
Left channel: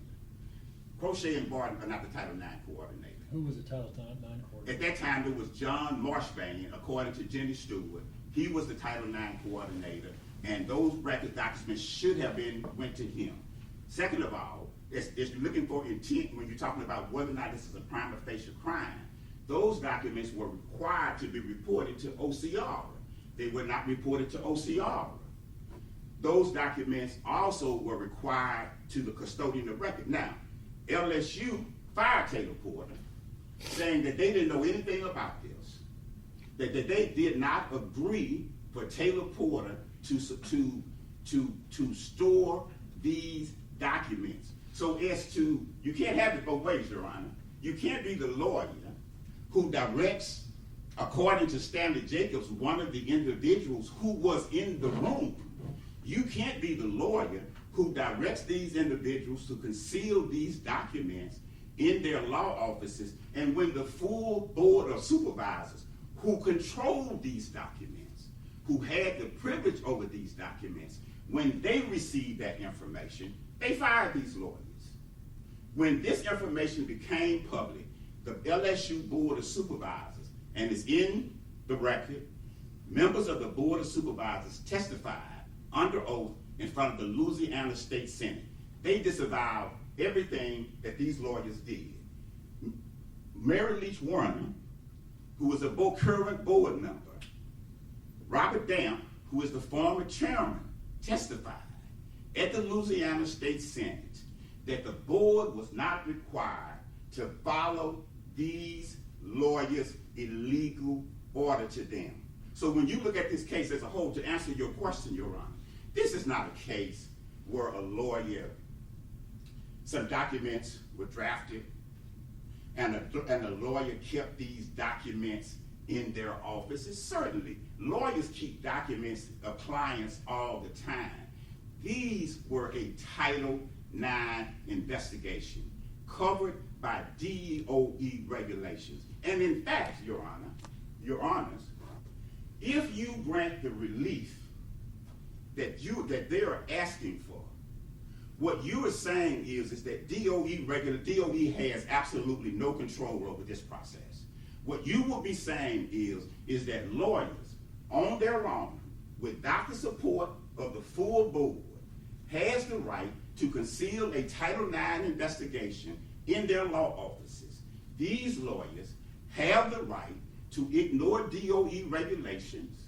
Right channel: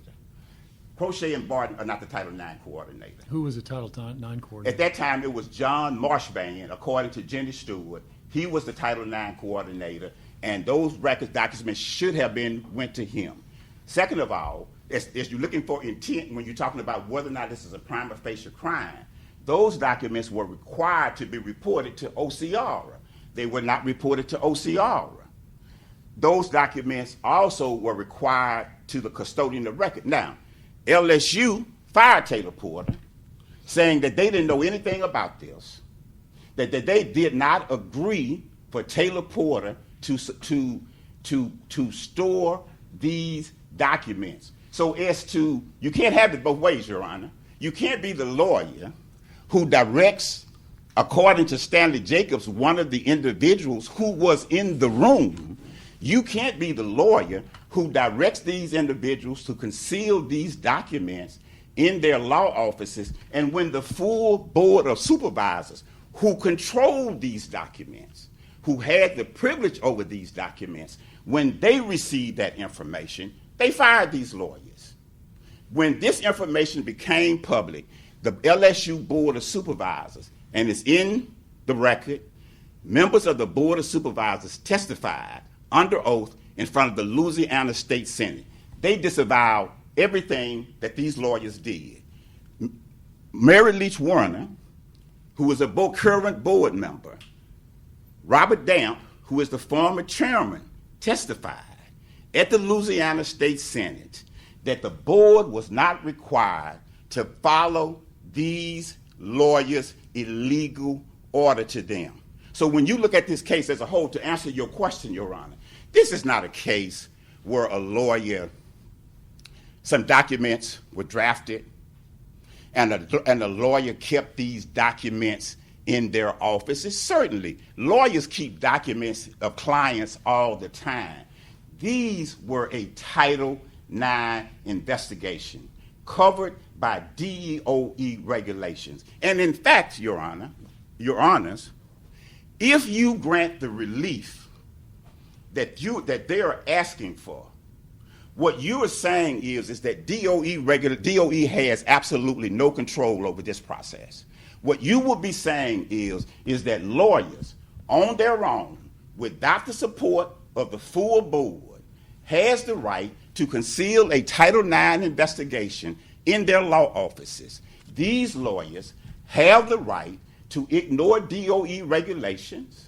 Crochet and Barton are not the Title IX coordinator. Who was the Title IX coordinator? At that time, it was John Marshband, according to Jenny Stewart. He was the Title IX coordinator, and those records documents should have went to him. Second of all, as you're looking for intent when you're talking about whether or not this is a prima facie crime, those documents were required to be reported to OCR. They were not reported to OCR. Those documents also were required to the custodian of record. Now, LSU fired Taylor Porter, saying that they didn't know anything about this, that they did not agree for Taylor Porter to store these documents. So as to, you can't have it both ways, Your Honor. You can't be the lawyer who directs, according to Stanley Jacobs, one of the individuals who was in the room. You can't be the lawyer who directs these individuals to conceal these documents in their law offices, and when the full board of supervisors who controlled these documents, who had the privilege over these documents, when they received that information, they fired these lawyers. When this information became public, the LSU Board of Supervisors, and it's in the record, members of the Board of Supervisors testified under oath in front of the Louisiana State Senate. They disavowed everything that these lawyers did. Mary Leach Warner, who is a current board member, Robert Damp, who is the former chairman, testified at the Louisiana State Senate that the board was not required to follow these lawyers' illegal order to them. So when you look at this case as a whole, to answer your question, Your Honor, this is not a case where a lawyer, some documents were drafted, and a lawyer kept these documents in their offices. Certainly, lawyers keep documents of clients all the time. These were a Title IX investigation covered by DOE regulations. And in fact, Your Honor, Your Honors, if you grant the relief that they are asking for, what you are saying is that DOE has absolutely no control over this process. What you will be saying is that lawyers on their own, without the support of the full board, has the right to conceal a Title IX investigation in their law offices. These lawyers have the right to ignore DOE regulations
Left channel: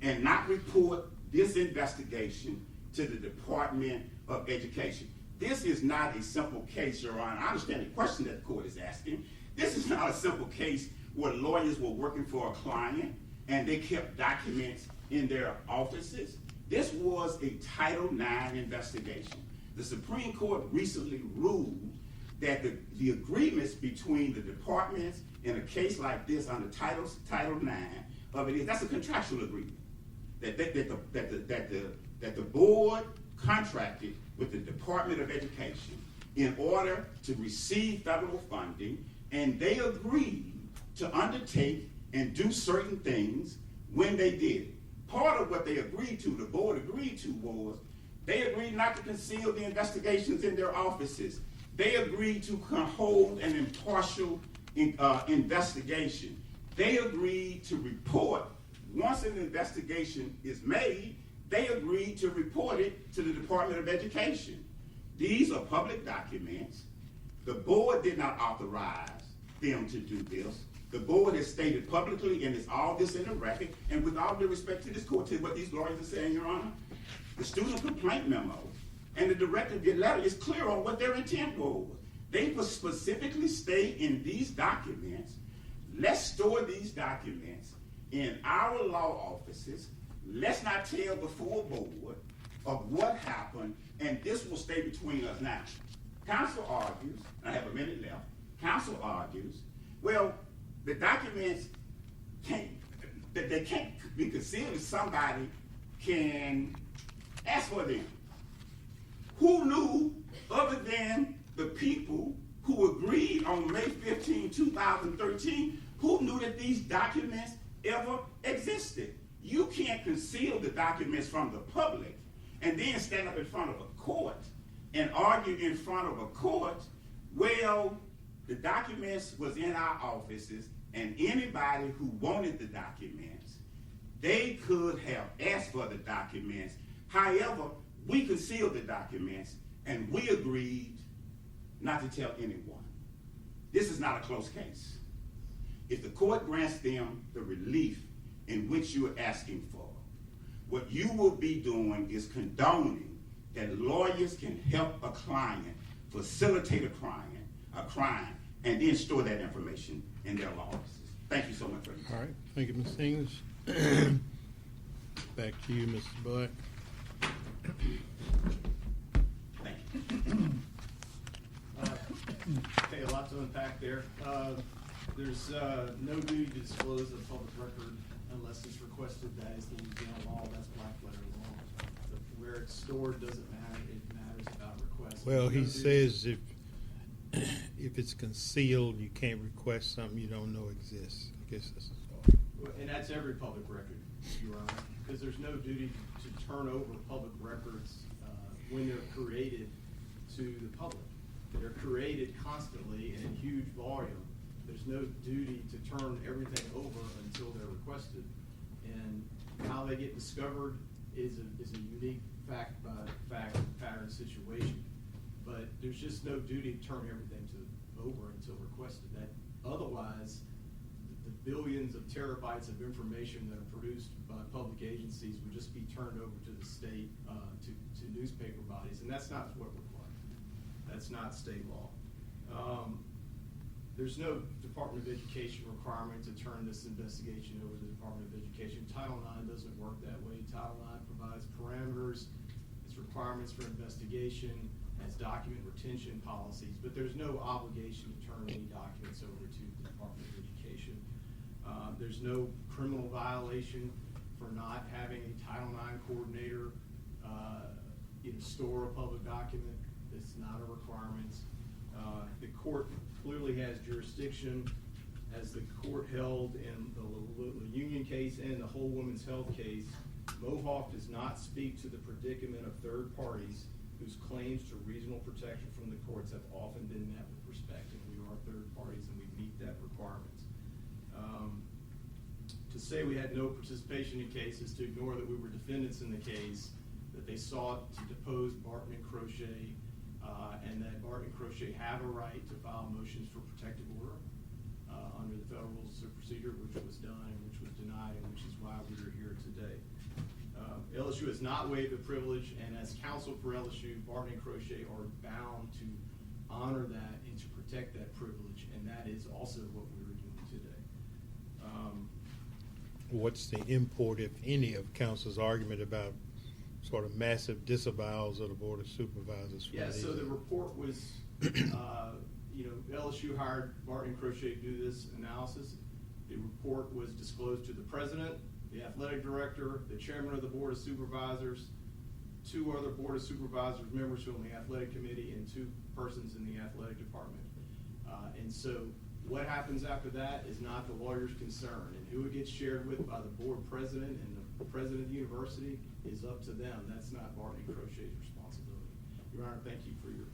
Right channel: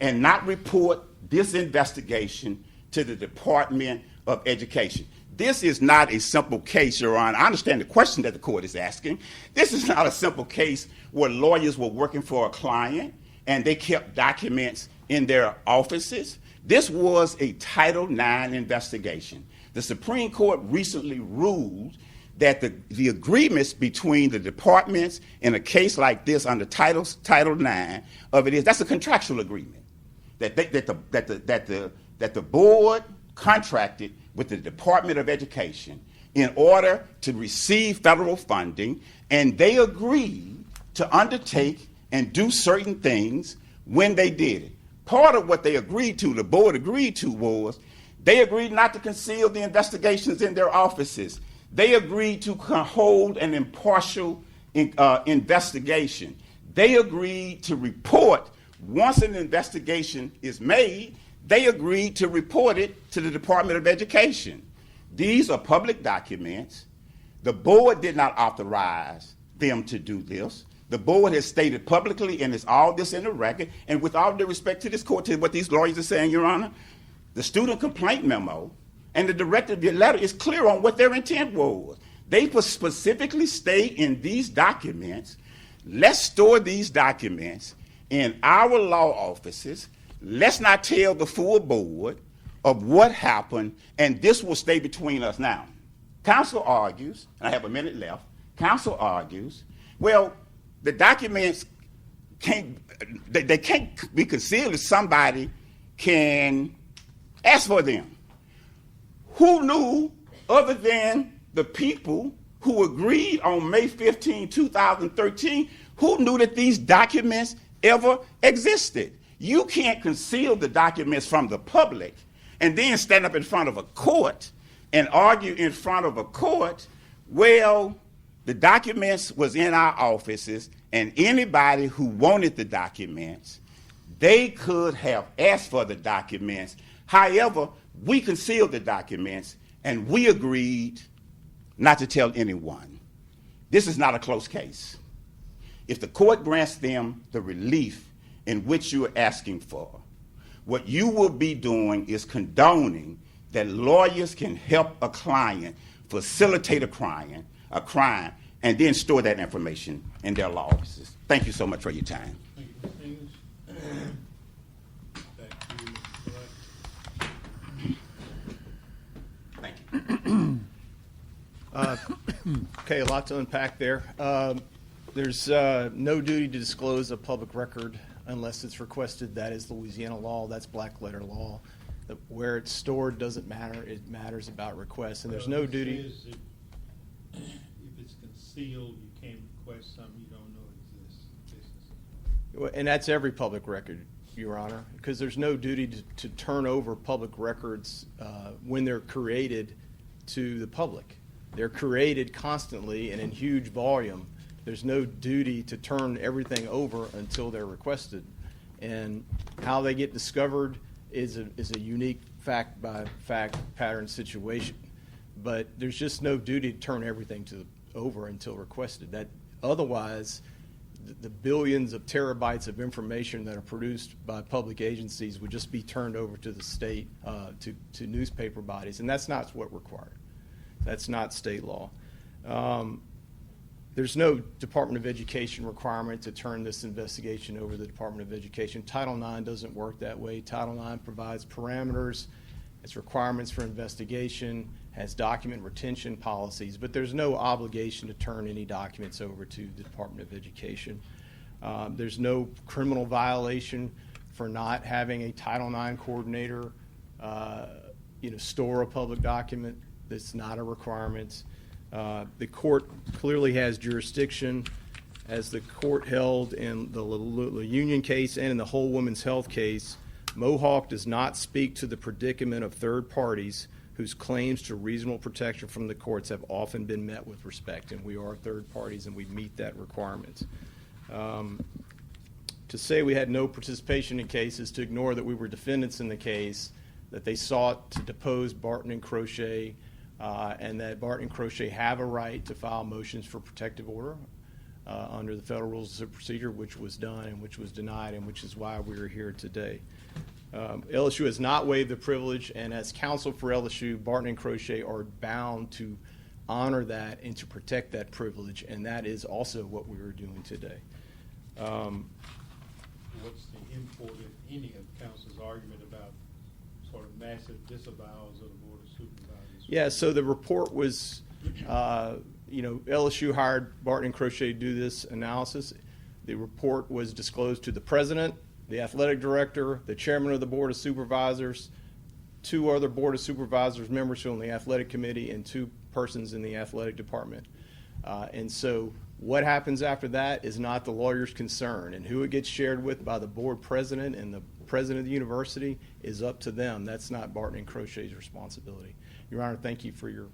and not report this investigation to the Department of Education. This is not a simple case, Your Honor. I understand the question that the court is asking. This is not a simple case where lawyers were working for a client and they kept documents in their offices. This was a Title IX investigation. The Supreme Court recently ruled that the agreements between the departments in a case like this under Title IX that's a contractual agreement. That the board contracted with the Department of Education in order to receive federal funding, and they agreed to undertake and do certain things when they did it. Part of what they agreed to, the board agreed to, was they agreed not to conceal the investigations in their offices. They agreed to hold an impartial investigation. They agreed to report, once an investigation is made, they agreed to report it to the Department of Education. These are public documents. The board did not authorize them to do this. The board has stated publicly, and it's all this in the record, and with all due respect to this court, to what these lawyers are saying, Your Honor, the student complaint memo and the directive letter is clear on what their intent was. They specifically state in these documents, let's store these documents in our law offices. Let's not tell the full board of what happened, and this will stay between us. Now, counsel argues, and I have a minute left, counsel argues, well, the documents can't be concealed if somebody can ask for them. Who knew, other than the people who agreed on May 15, 2013, who knew that these documents ever existed? You can't conceal the documents from the public and then stand up in front of a court and argue in front of a court, well, the documents was in our offices, and anybody who wanted the documents, they could have asked for the documents. However, we concealed the documents, and we agreed not to tell anyone. This is not a close case. If the court grants them the relief in which you are asking for, what you will be doing is condoning that lawyers can help a client facilitate a crime, and then store that information in their law offices. Thank you so much for your time. Thank you, Mr. English. Back to you, Mr. Black. Thank you. Okay, a lot to unpack there. There's no duty to disclose a public record unless it's requested. That is Louisiana law. That's black letter law. Where it's stored doesn't matter. It matters about requests. And Well, there's no he duty. says if it's concealed, you can't request something you don't know exists. I guess that's all. And that's every public record, Your Honor, because there's no duty to turn over public records when they're created to the public. They're created constantly and in huge volume. There's no duty to turn everything over until they're requested. And how they get discovered is a unique fact-by-fact pattern situation. But there's just no duty to turn everything over until requested. That otherwise, the billions of terabytes of information that are produced by public agencies would just be turned over to the state, to newspaper bodies, and that's not what's required. That's not state law. There's no Department of Education requirement to turn this investigation over to the Department of Education. Title IX doesn't work that way. Title IX provides parameters, its requirements for investigation, has document retention policies, but there's no obligation to turn any documents over to the Department of Education. There's no criminal violation for not having a Title IX coordinator store a public document. That's not a requirement. The court clearly has jurisdiction. As the court held in the Union case and in the Whole Women's Health case, Mohawk does not speak to the predicament of third parties whose claims to reasonable protection from the courts have often been met with respect, and we are third parties and we meet that requirement. To say we had no participation in cases, to ignore that we were defendants in the case, that they sought to depose Barton and Crochet, and that Barton and Crochet have a right to file motions for protective order under the Federal Rules of Procedure, which was done and which was denied, and which is why we are here today. LSU has not waived the privilege, and as counsel for LSU, Barton and Crochet are bound to honor that and to protect that privilege, and that is also what we are doing today. What's the import, if any, of counsel's argument about sort of massive disavowals of the Board of Supervisors? Yeah, so the report was, LSU hired Barton and Crochet to do this analysis. The report was disclosed to the president, the athletic director, the chairman of the Board of Supervisors, two other Board of Supervisors members on the athletic committee, and two persons in the athletic department. And so what happens after that is not the lawyer's concern, and who it gets shared with by the board president and the president of the university is up to them. That's not Barton and Crochet's responsibility. Your Honor, thank you for your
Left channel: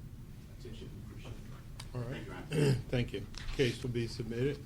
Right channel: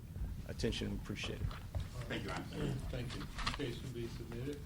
attention. Appreciate it. All right. Thank you. Case will be submitted.